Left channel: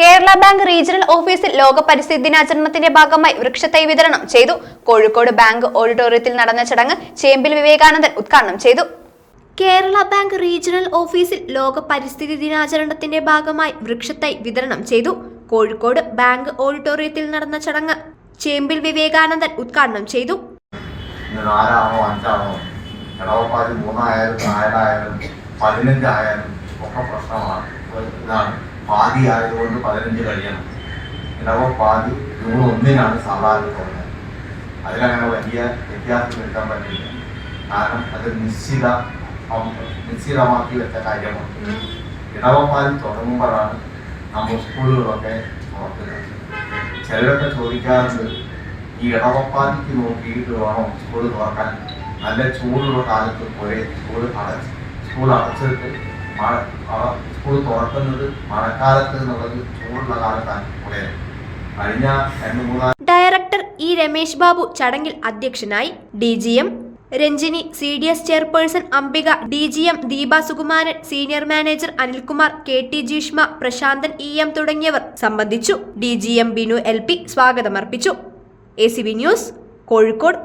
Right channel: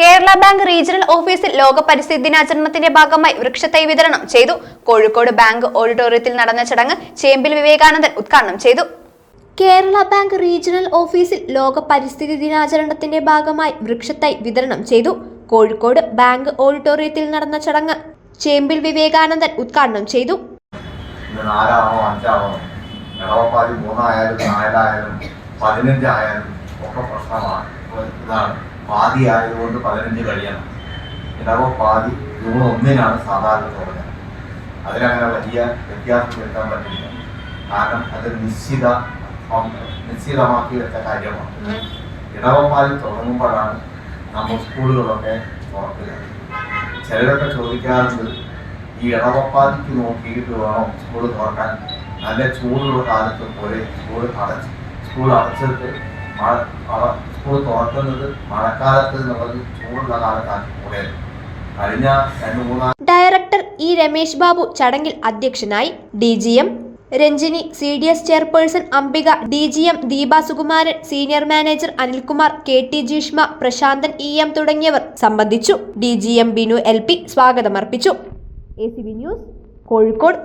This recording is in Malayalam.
കേരള ബാങ്ക് റീജിയണൽ ഓഫീസിൽ ലോക പരിസ്ഥിതി ദിനാചരണത്തിന്റെ ഭാഗമായി വൃക്ഷത്തൈ വിതരണം ചെയ്തു. കോഴിക്കോട് ബാങ്ക് ഓഡിറ്റോറിയത്തിൽ നടന്ന ചടങ്ങ് ചേമ്പിൽ വിവേകാനന്ദൻ ഉദ്ഘാടനം ചെയ്തു. കേരള ബാങ്ക് റീജിയണൽ ഓഫീസിൽ ലോക പരിസ്ഥിതി ദിനാചരണത്തിന്റെ ഭാഗമായി വൃക്ഷത്തൈ വിതരണം ചെയ്തു. കോഴിക്കോട് ബാങ്ക് ഓഡിറ്റോറിയത്തിൽ നടന്ന ചടങ്ങ് ചേമ്പിൽ വിവേകാനന്ദൻ ഉദ്ഘാടനം ചെയ്തു. ഇന്ന് നാലാണോ അഞ്ചാണോ ഇടവപ്പാതി മൂന്നായാലും നാലായാലും പതിനഞ്ചായാലും ഒക്കെ പ്രശ്നമാണ്. ഇതാണ് പാതി ആയതുകൊണ്ട് പതിനഞ്ച് കഴിയണം. പാതി ജൂൺ ഒന്നിനാണ് സാധാരണ തുടങ്ങുന്നത്. അതിനങ്ങനെ വലിയ വ്യത്യാസം വരുത്താൻ പറ്റില്ല. കാരണം അത് നിശ്ചിത നിശ്ചിതമാക്കി വെച്ച കാര്യമാണ്. ഇടവപ്പാതി തുടങ്ങുമ്പോഴാണ് നമ്മൾ സ്കൂളുകളൊക്കെ തുറക്കുന്നത്. ചിലരൊക്കെ ചോദിക്കാറുണ്ട് ഈ ഇടവപ്പാതിക്ക് നോക്കിയിട്ട് വേണം സ്കൂൾ തുറക്കാൻ. നല്ല ചൂടുള്ള കാലത്ത് പോയി സ്കൂൾ അടച്ച് സ്കൂൾ അടച്ചിട്ട് മഴ മഴ സ്കൂൾ തുറക്കുന്നത് മഴക്കാലത്ത് എന്നുള്ളത് ചൂടുള്ള കാലത്താണ് കഴിഞ്ഞ രണ്ട് മൂന്നാൽ ഡയറക്ടർ ഇ രമേശ് ബാബു ചടങ്ങിൽ അധ്യക്ഷനായി D G M Ranjini C D S chairperson Ambika D G M Deepa Sukumaran senior manager Anilkumar K T Jeeshma Prasanthan E M തുടങ്ങിയവർ സംബന്ധിച്ചു. D G M Binu L P സ്വാഗതമർപ്പിച്ചു. A C news Kozhikode.